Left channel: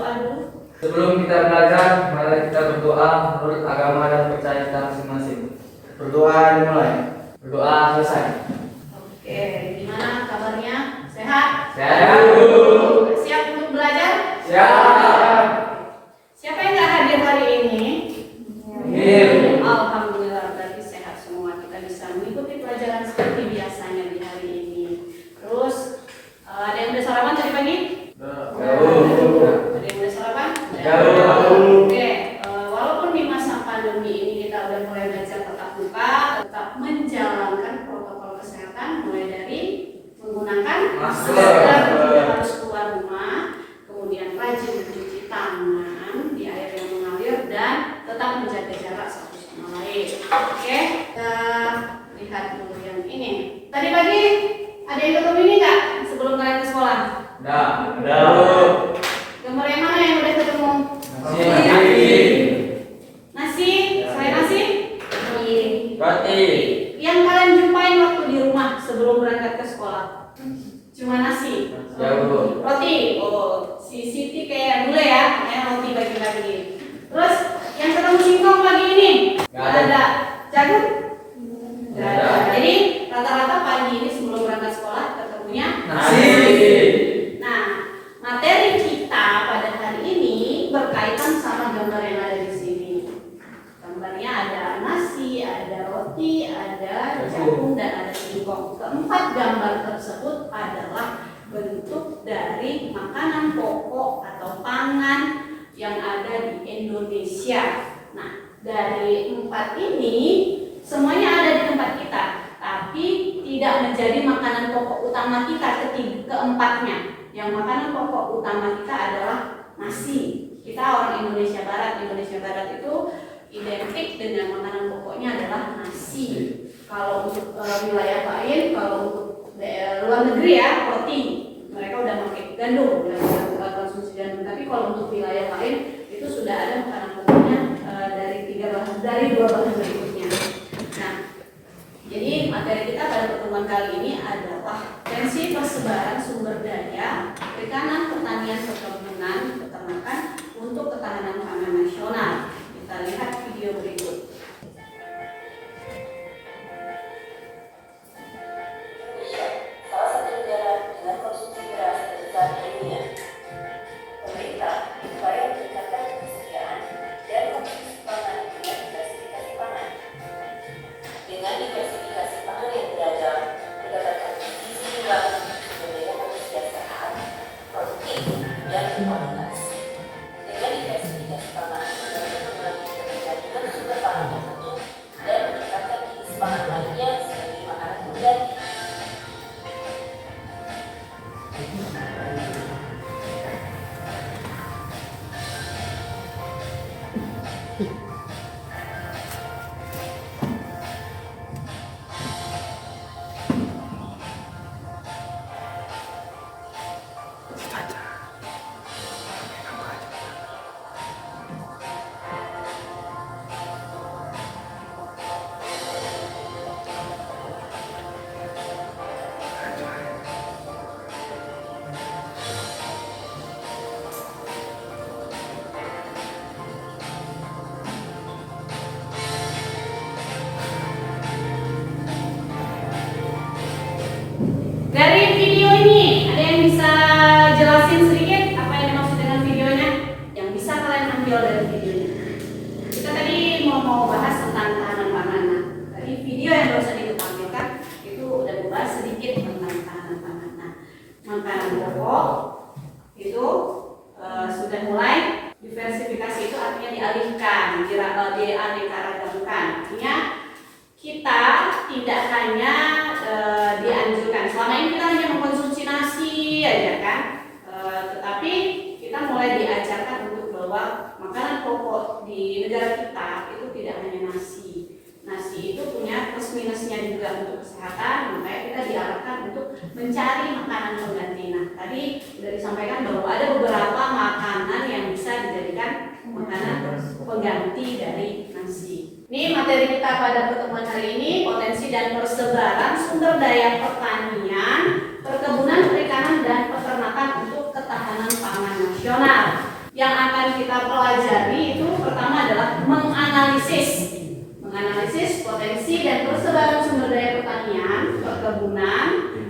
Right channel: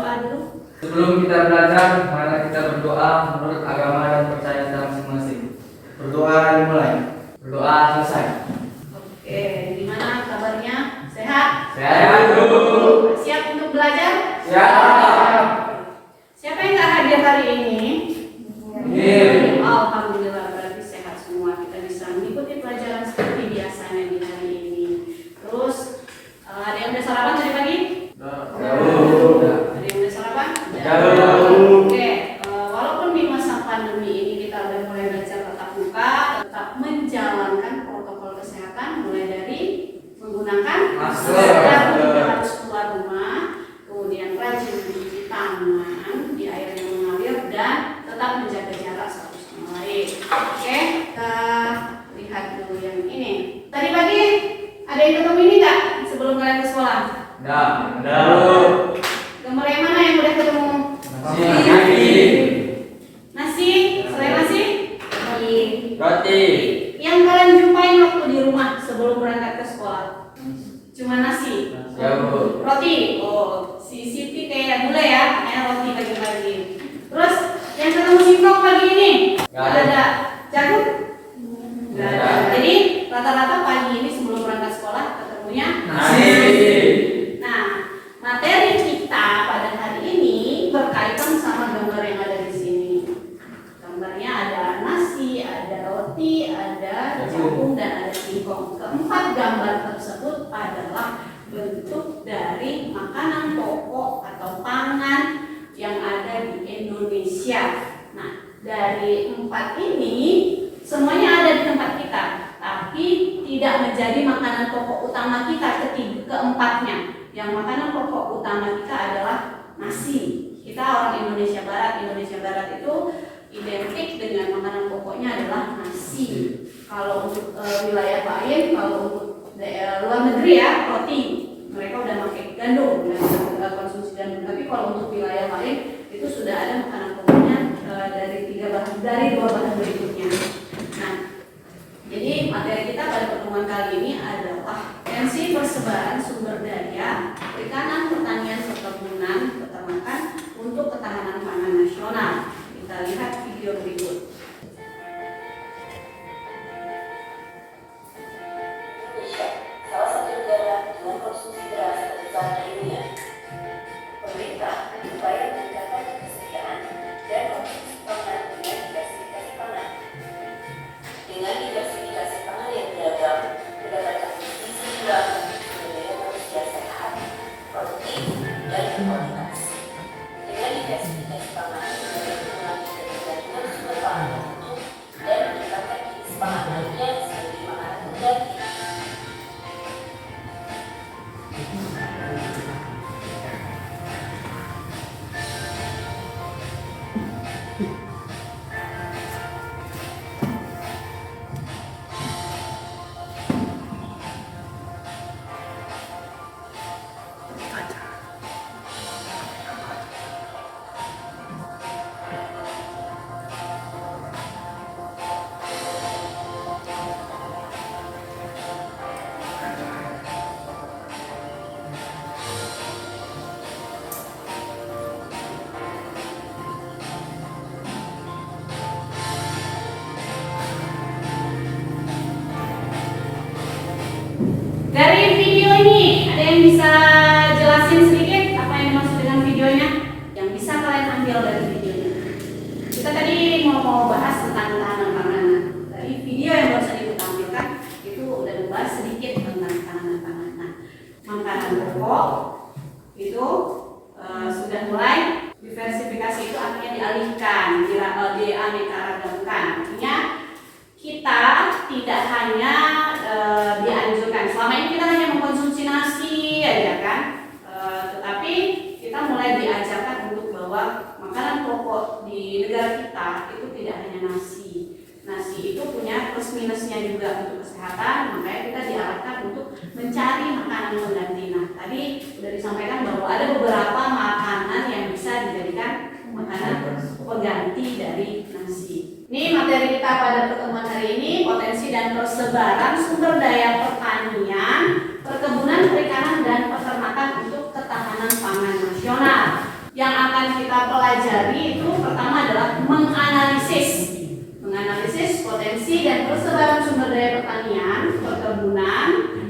berdoa dulu. Sebelum kita belajar, mari kita berdoa menurut agama dan percaya kita masing-masing. Berdoa dimulai. Berdoa selesai. Oke, gimana kabarnya? Sehat? Sehat. Siap untuk belajar? Siap. Siapa yang nggak hadir hari ini? Hadir. Alhamdulillah, berarti sehat semua. Kita bisa mengikuti pelajaran seperti biasanya di hari ini. Terus ada yang udah sarapan tadi pagi? Jauh. Ada yang udah sarapan? Jauh. Oke, walaupun di masa pandemi ini kita udah mulai belajar tatap muka, tetap menjalankan protokol kesehatan mulai dari menggunakan Masker. tidak harus keluar rumah, kemudian rajin mencuci tangan di air yang mengalir dan tetap menjaga jarak satu sama lain. Oke, kita lihat dulu yang ini. Tadi pagi ada yang ketemu ini nggak sebelum kalian ke sekolah? Ada. Gambar yang mana yang udah ketemu? Nasi. Nasi, selain nasi? Roti. Yang kalian jumpain waktu di rumah sebelum berangkat ke sekolah? Cuma nasi? Jauh. Roti? Oh, si Siti kayak bule ya, kayak roti pagi-pagi. Terus yang ketemu singkong pagi ini? Nggak Nggak ada. Jagung? Nggak ada. Jadi rata-rata pagi ini sebelum berangkat sekolah ketemunya Nasi. Nah, materi kita pada hari ini berkaitan sama gambar yang ada di sini. Gambarnya ada nasi, ada roti, ada jagung, dan ada singkong. Keempat gambar tersebut adalah bentuk dari makanan pokok atau pangan yang ada di Indonesia. Nah, dari empat ini semuanya ada di tempat kita, tapi tidak menjadi makanan pokok utama kita keempatnya. Yang makanan pokok utama kita adalah nasi. Kita orang Indonesia Barat. Indonesia Barat itu identik dengan makanan pokoknya adalah nasi. Kalau untuk wilayah lain, kalau untuk daerah luar negeri ya, roti. Mereka udah pakai gandum, udah konsumsi gandum. Tapi kalau untuk wilayah lain itu sudah ada makanan pokoknya dari dua bahan berikutnya. Nah, jadi materi kita pada pertemuan kali ini adalah potensi persebaran sumber daya perikanan, pertanian, perkebunan, peternakan untuk ketahanan pangan nasional. Kita lihat video berikut. Indonesia, salah satu negara dengan konsumsi beras terbesar di dunia. Pemerintah berupaya meningkatkan ketersediaan dan konsumsi pangan dengan diversifikasi pangan. Dengan diversifikasi pangan yang beragam, mendapatkan gizi seimbang, sumber daya manusia sehat, produktif, dan berkualitas. Dengan diversifikasi pangan, dapat mengurangi ketergantungan sumber pangan tertentu dan meningkatkan gizi pangan lainnya sebagai makanan pengganti. Dari video ini, ada yang bisa jelasin sedikit apa yang dimaksud dengan videonya? Yang bisa kalian ambil dari videonya. Kita tadi mau bahas tentang ketahanan pangan. Dari video yang baru saja ditampilkan itu udah membahas sedikit tentang ketahanan pangan. Nah, makanan pokok itu sudah mulai diversifikasi, itu artinya dialihkan, dianeka-ragamkan. Artinya kita tidak hanya dianjurkan, selama ini kita hanya mengkonsumsi nasi aja kan, tetapi kita mulai diajarkan untuk bahwa makanan pokok di negara kita itu tidak hanya nasi. Nasi itu punya plus minusnya juga untuk kesehatan, makanya kita diarahkan untuk mencari makanan pengganti. Nah, tadi sudah disampaikan bahwa ada beberapa makanan yang bisa dijadikan makanan pengganti dari nasi. Ini materi kita pada pertemuan hari ini, potensi dan persebaran sumber daya pertanian, perkebunan, perikanan, dan peternakan untuk ketahanan pangan nasional. pelajari itu pertama adalah menganalisis potensi dan persebaran sumber daya pertanian, perkebunan,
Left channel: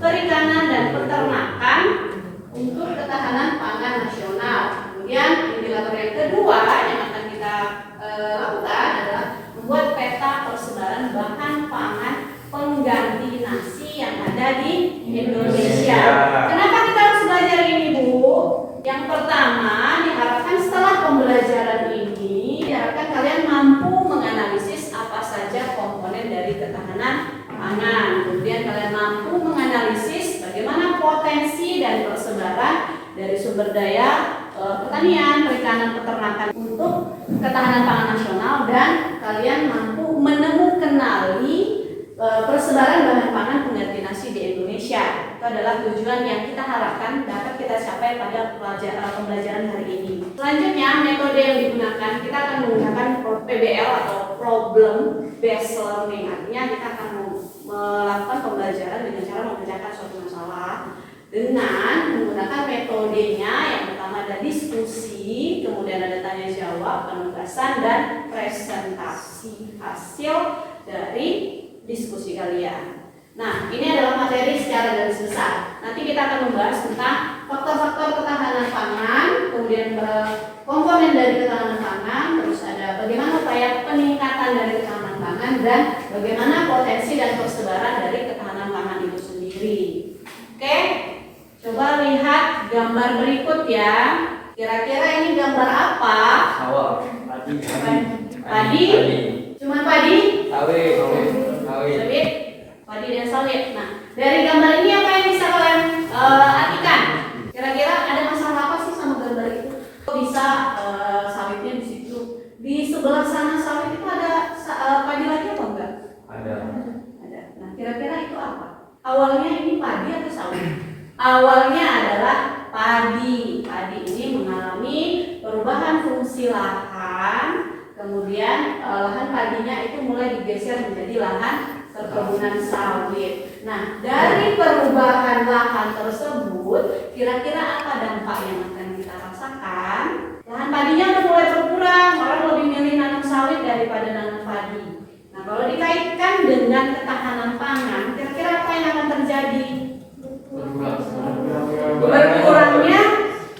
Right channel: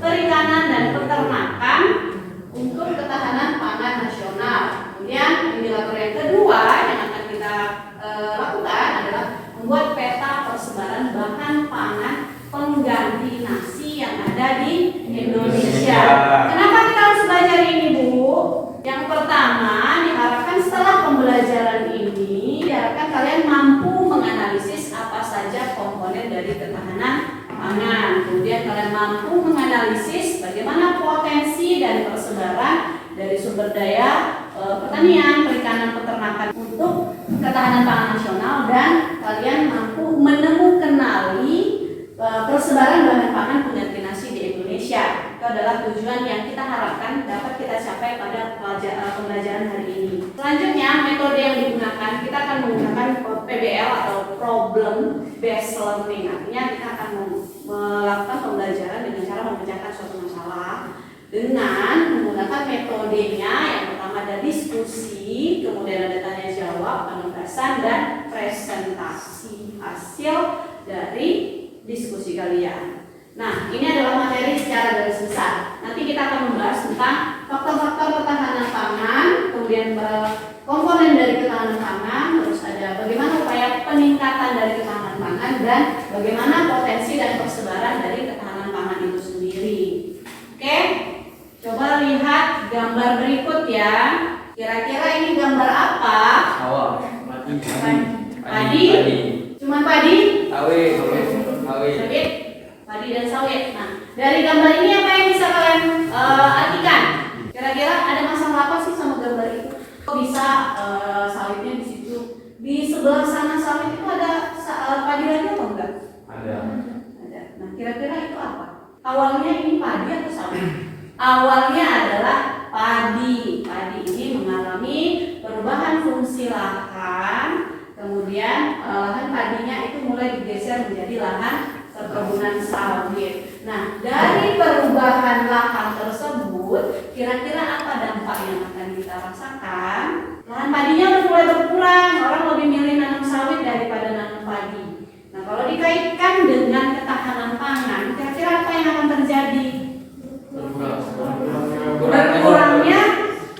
perikanan dan peternakan untuk ketahanan pangan nasional. Kemudian indikator yang kedua yang akan kita lakukan adalah membuat peta persebaran bahan pangan pengganti nasi yang ada di Indonesia. Kenapa kita harus belajar ini, Bu? Yang pertama, diharapkan setelah pembelajaran ini, diharapkan kalian mampu menganalisis apa saja komponen dari ketahanan pangan. Kemudian kalian mampu menganalisis bagaimana potensi dan persebaran dari sumber daya pertanian, perikanan, peternakan untuk ketahanan pangan nasional, dan kalian mampu menemukanali persebaran bahan pangan pengganti nasi di Indonesia. Itu adalah tujuan yang kita harapkan dapat kita capai pada pembelajaran hari ini. Selanjutnya, metode yang digunakan, kita akan menggunakan PBL atau Problem Based Learning. Artinya kita akan melakukan pembelajaran dengan cara memecahkan suatu masalah dengan menggunakan metodenya. Yang pertama ada diskusi, kemudian ada tanya jawab, penugasan, dan presentasi hasil dari diskusi kalian. Nah, ini adalah materi secara garis besar. Nanti kita akan membahas tentang faktor-faktor ketahanan pangan, kemudian komponen dari ketahanan pangan, terus ada bagaimana upaya peningkatan dari ketahanan pangan, dan bagaimana potensi dan persebaran dari ketahanan pangan itu sendiri. Oke, coba lihat gambar berikut ya. Kira-kira ini gambar apa? Padi. Cuma padi? Sawit. Padi dan sawit. Nah, dari gambar ini apa yang bisa kalian artikan? Kira-kira ada masalah apa sih sama gambar itu? Kok bisa sawitnya di situ? Di sebelah sana sawit itu ada padi lagi atau enggak? Ada. Nah, kira-kira itu apa? Awalnya ini padi atau sawit? Awalnya adalah padi. Padi ini mengalami perubahan fungsi lahan. Kemudian lahan padinya itu mulai digeser menjadi lahan perkebunan sawit. Nah, dari perubahan lahan tersebut, kira-kira apa dampak yang akan kita rasakan? Lahan padinya udah mulai berkurang, orang lebih milih nanam sawit daripada nanam padi. Nah, kalau dikaitkan dengan ketahanan pangan, kira-kira apa yang akan terjadi? Berkurangnya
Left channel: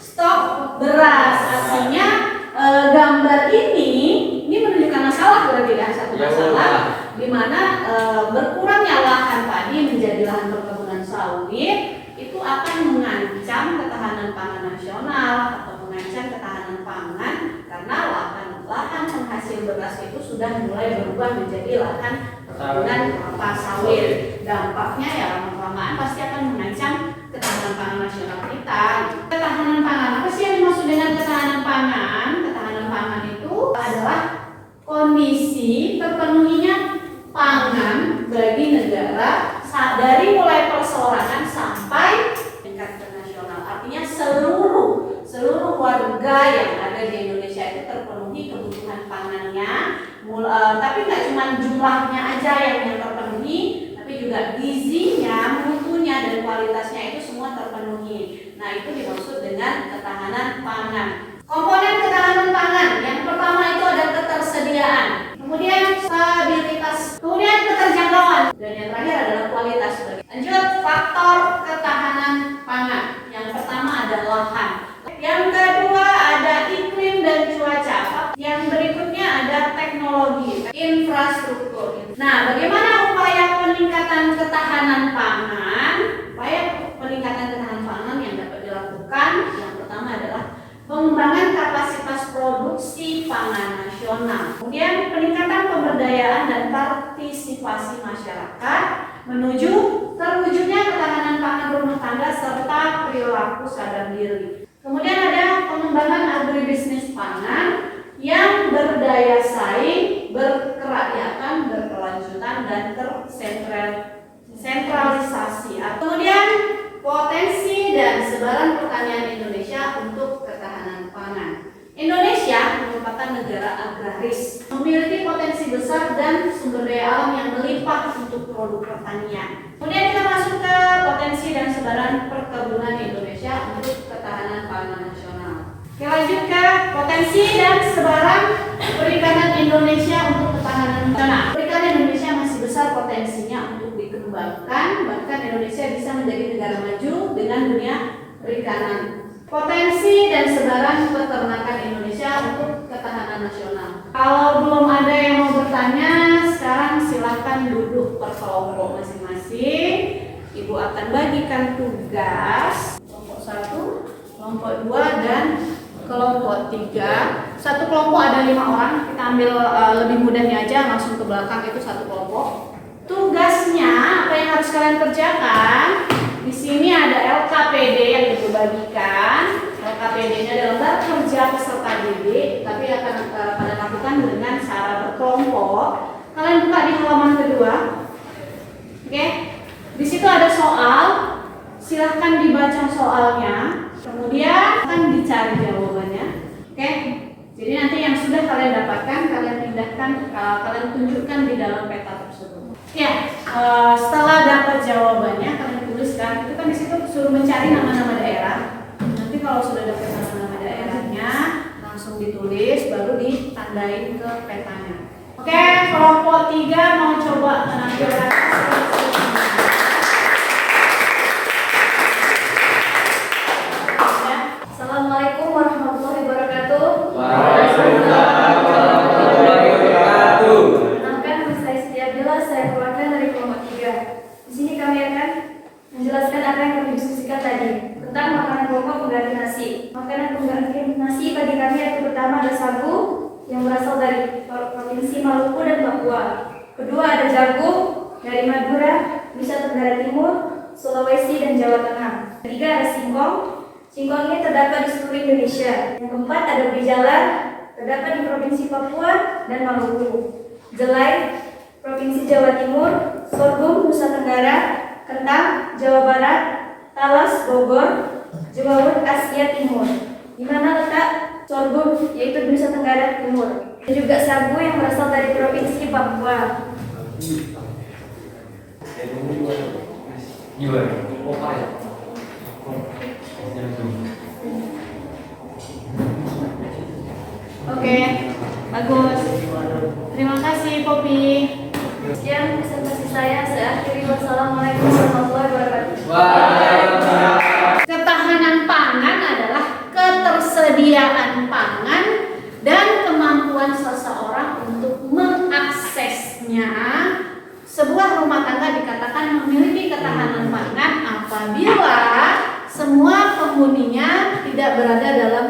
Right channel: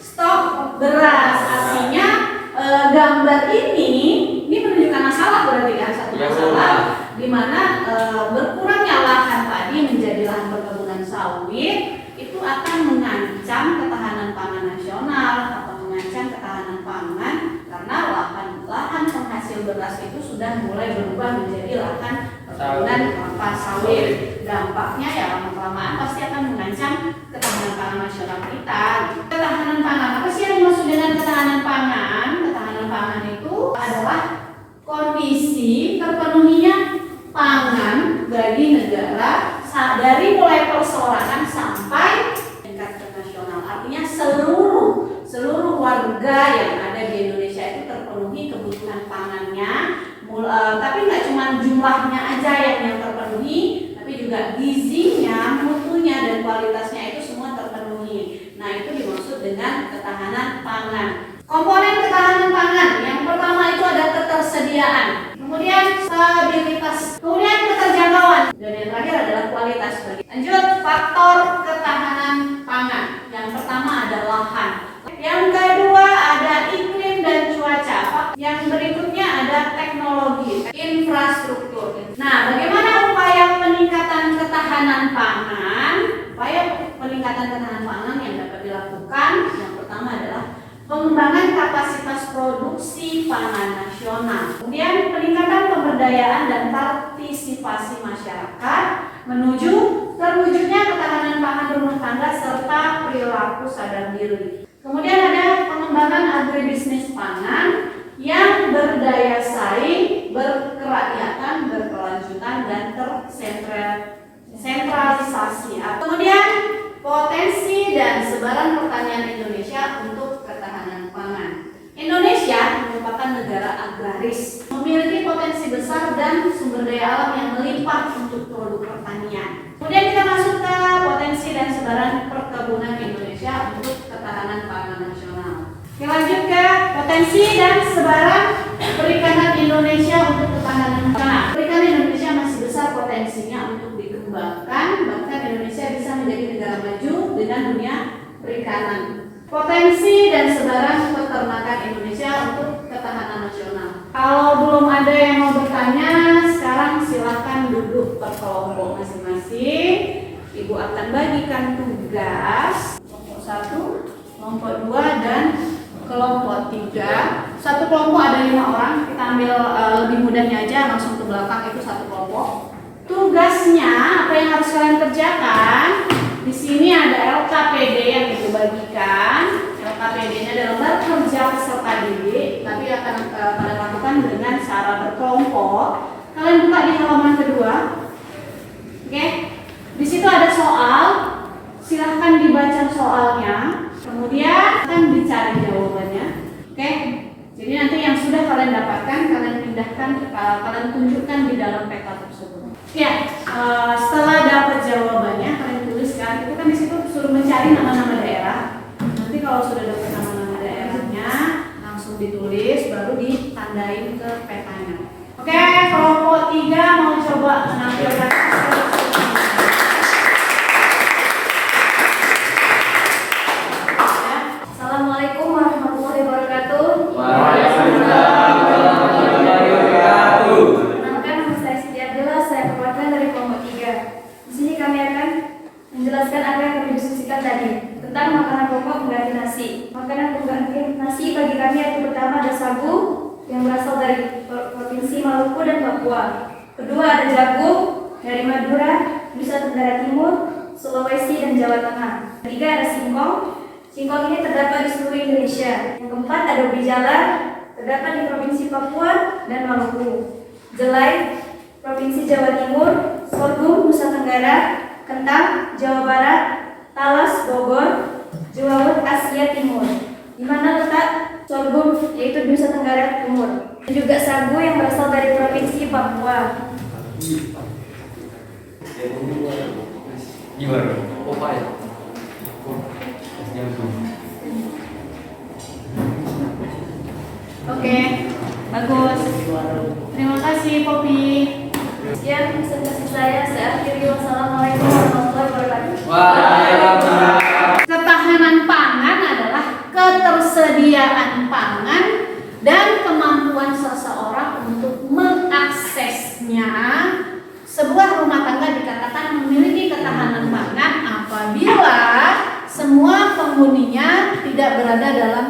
stok beras. Artinya gambar ini menunjukkan masalah, berarti kan satu masalah di mana berkurangnya lahan padi menjadi lahan perkebunan sawit itu akan mengancam ketahanan pangan nasional atau mengancam ketahanan pangan, karena lahan penghasil beras itu sudah mulai berubah menjadi lahan perkebunan kelapa sawit. Dampaknya ya lama-kelamaan pasti akan mengancam ketahanan pangan nasional kita. Ketahanan pangan, apa sih yang dimaksud dengan ketahanan pangan? Ketahanan pangan itu adalah kondisi terpenuhinya pangan bagi negara dari mulai perseorangan sampai tingkat nasional. Artinya seluruh warga yang ada di Indonesia itu terpenuhi kebutuhan pangannya. Tapi nggak cuma jumlahnya aja yang terpenuhi, tapi juga gizinya, mutunya, dan kualitasnya itu semua terpenuhi. Nah, itu dimaksud dengan ketahanan pangan. Komponen ketahanan pangan yang pertama itu ada ketersediaan, kemudian stabilitas, kemudian keterjangkauan, dan yang terakhir adalah kualitas. Lanjut, faktor ketahanan pangan. Yang pertama ada lahan, yang kedua ada iklim dan cuaca, yang berikutnya ada teknologi, infrastruktur. Nah, bagaimana upaya peningkatan ketahanan pangan? Upaya peningkatan ketahanan pangan yang dapat dilakukan, yang pertama adalah pengembangan kapasitas produksi pangan nasional, kemudian peningkatan pemberdayaan dan partisipasi masyarakat menuju terwujudnya ketahanan pangan rumah tangga serta perilaku sadar diri. Kemudian ada pengembangan agribisnis pangan yang berdaya saing, berkerakyatan, berkelanjutan, dan tersentralisasi. Kemudian potensi dan sebaran pertanian Indonesia untuk ketahanan pangan. Indonesia merupakan negara agraris, memiliki potensi besar dan sumber daya alam yang melimpah untuk produk pertanian. Kemudian kita masuk ke potensi dan sebaran perkebunan Indonesia untuk ketahanan pangan nasional. Kita lanjut ke potensi Potensi dan sebaran perikanan Indonesia untuk ketahanan nasional. Perikanan Indonesia masih besar potensinya untuk dikembangkan, bahkan Indonesia bisa menjadi negara maju dengan dunia perikanan. Potensi dan sebaran peternakan Indonesia untuk ketahanan nasional. Kalau belum ada yang mau bertanya, sekarang silakan duduk per kelompok masing-masing. Ibu akan bagikan tugas kelompok 1, kelompok 2, dan kelompok 3. Satu kelompok ada 5 orang. Kita ambil lebih mudahnya aja, langsung ke belakang, itu satu kelompok. Tugasnya apa yang harus kalian kerjakan? Di sini ada LKPD yang ibu bagikan. LKPD-nya adalah lembar kerja peserta didik, tapi akan pada lakukan dengan cara berkelompok. Kalian buka di halaman kedua. Oke. Di situ ada soal. Silahkan dibaca soalnya. Kemudian akan dicari jawabannya. Oke. Jadi nanti yang sudah kalian dapatkan, kalian pindahkan, kalian tunjukkan di dalam peta tersebut. Ya, setelah dapat jawabannya, kalian tuliskan. Itu kan di situ suruh mencari nama-nama daerah. Nanti kalau sudah dapat nama-nama daerahnya, langsung ditulis, baru ditandain ke petanya. Oke, kelompok 3 mau coba menampilkan. Assalamualaikum warahmatullahi wabarakatuh. Waalaikumsalam warahmatullahi wabarakatuh. Perkenalkan, nama saya Siti Abdullah, saya perwakilan dari kelompok 3. Di sini kami akan menjelaskan apa yang kami diskusikan tadi tentang makanan pokok pengganti nasi. Makanan pengganti nasi bagi kami yaitu pertama ada sagu yang berasal dari Provinsi Maluku dan Papua. Kedua ada jagung dari Madura, Nusa Tenggara Timur, Sulawesi dan Jawa Tengah. Ketiga ada singkong. Singkong ini terdapat di seluruh Indonesia. Yang keempat ada ubi jalar, terdapat di Provinsi Papua dan Maluku. Jelai, Provinsi Jawa Timur. Sorghum, Nusa Tenggara. Kentang, Jawa Barat. Talas, Bogor. Jewawut, Asia Timur. Di mana letak sorghum, yaitu di Nusa Tenggara Timur. Dan juga sagu yang berasal dari Provinsi Papua. Gimana? Oke, bagus. Terima kasih, Poppy. Sekian presentasi saya akhiri. Wassalamualaikum warahmatullahi wabarakatuh. Waalaikumsalam. Ketahanan pangan adalah ketersediaan pangan dan kemampuan seseorang untuk mengaksesnya. Sebuah rumah tangga dikatakan memiliki ketahanan pangan apabila semua penghuninya tidak berada dalam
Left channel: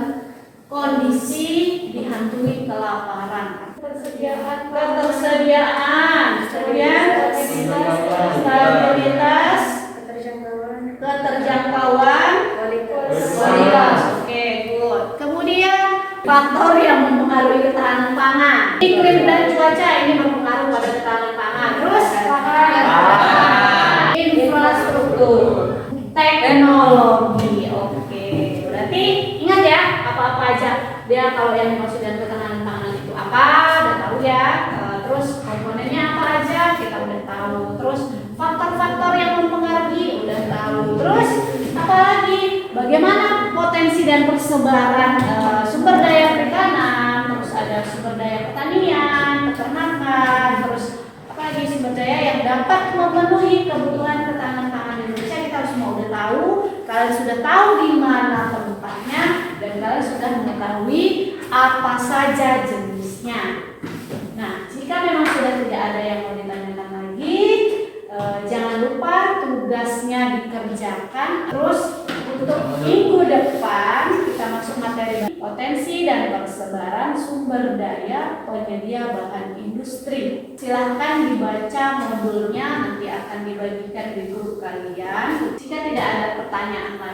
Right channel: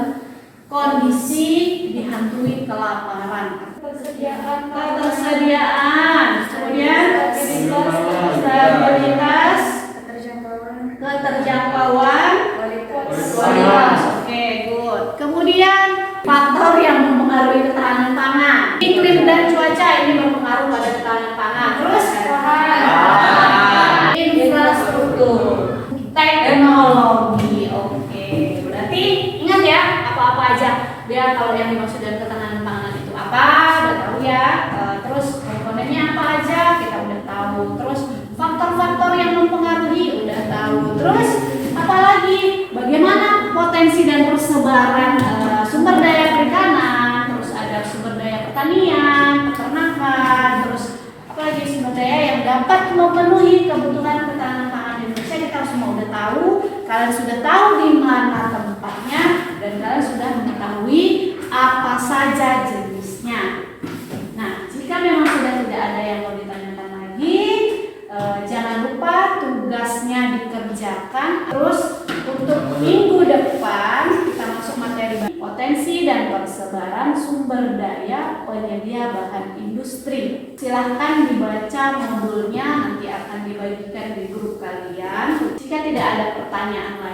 kondisi dihantui kelaparan. Ketersediaan, kemudian stabilitas, keterjangkauan, kualitas. Oke, good. Kemudian faktor yang mempengaruhi ketahanan pangan. Iklim dan cuaca ini berpengaruh pada ketahanan pangan. Terus infrastruktur, teknologi. Oke, berarti ingat ya apa-apa aja. Dia kalau yang dimaksud dengan ketahanan pangan itu apa? Udah tahu ya. Terus komponennya apa aja? Kita udah tahu. Terus faktor-faktor yang mempengaruhi udah tahu. Terus apalagi? Bagaimana potensi dan persebaran sumber daya perikanan? Terus ada sumber daya pertanian, peternakan. Terus apalagi sumber daya yang dapat memenuhi kebutuhan ketahanan pangan Indonesia. Kita semua udah tahu. Kalian sudah tahu di mana tempatnya dan kalian sudah mengetahui apa saja jenisnya. Nah, jika memang sudah tidak ada yang mau ditanyakan lagi, jangan lupa tugasnya dikerjakan. Terus untuk minggu depan kita masuk materi potensi dan persebaran sumber daya penyedia bahan industri. Silahkan dibaca modulnya, nanti akan dibagikan di grup kalian. Jika tidak ada pertanyaan lagi,